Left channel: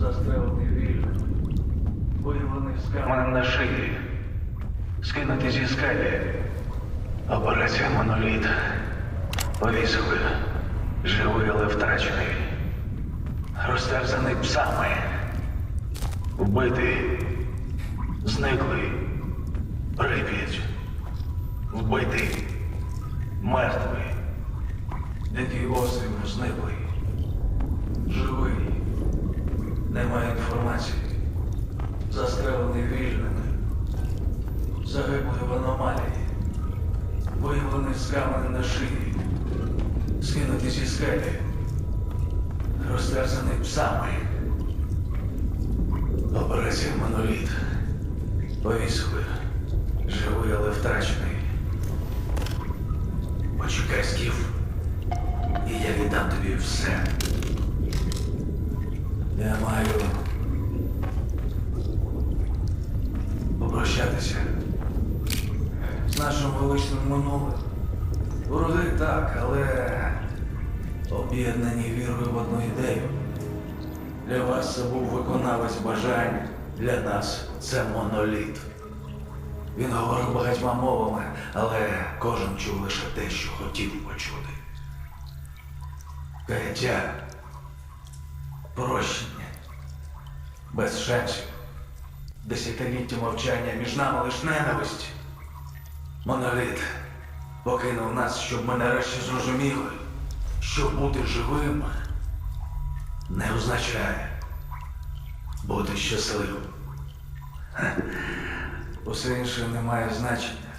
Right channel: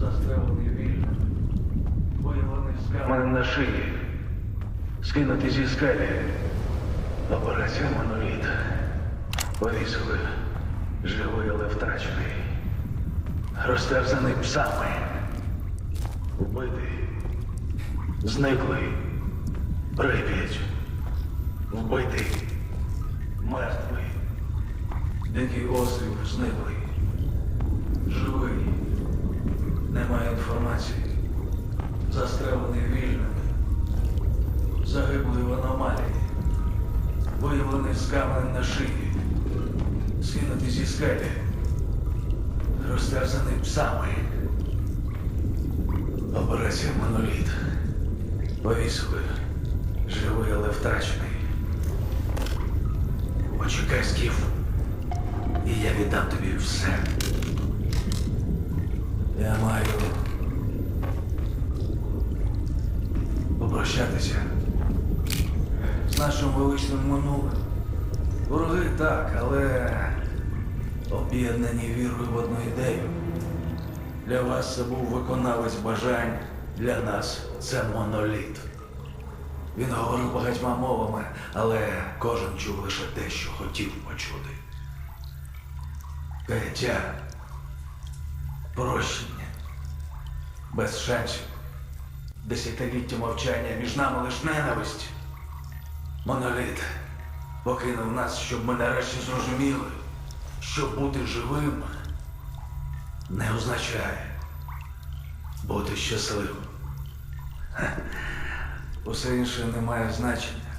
Застрелений вільно. Виявлений мене на шиї. Скинути зі скелі. Операція моноліт. Повісили. Живий, але втрачений. Розтерзаний псами. Вбитий. Зниклий. Прип'ять. Вбитий. Мертвий. Дикий острів зниклий. Живий. Немає інформації. Застрелений вільник. Загиблий в аномалії. Виявлений з каменем на шиї. Скинутий зі скелі. Розтерзаний псами. Операція моноліт. Повісили. Живий, але втрачений. Почекай, Скіф. І я віддам тобі все. Я маю попрощатися з нашим величним минулим. Вороги так, але об'єднані вірою в одну ідею. Для вас це був виконавець бажань, для нас це моноліт. Він говорив багатьма мовами, але кожен чув лише те, що хотів почути. Каяття, прощення, без шансів, десятиліття мовчання між нами лиш ненависть. Моноліт покинув нас, щоб ми нарешті зрозуміли, що бути живим не означає бути щасливим. Усе інше не має значення.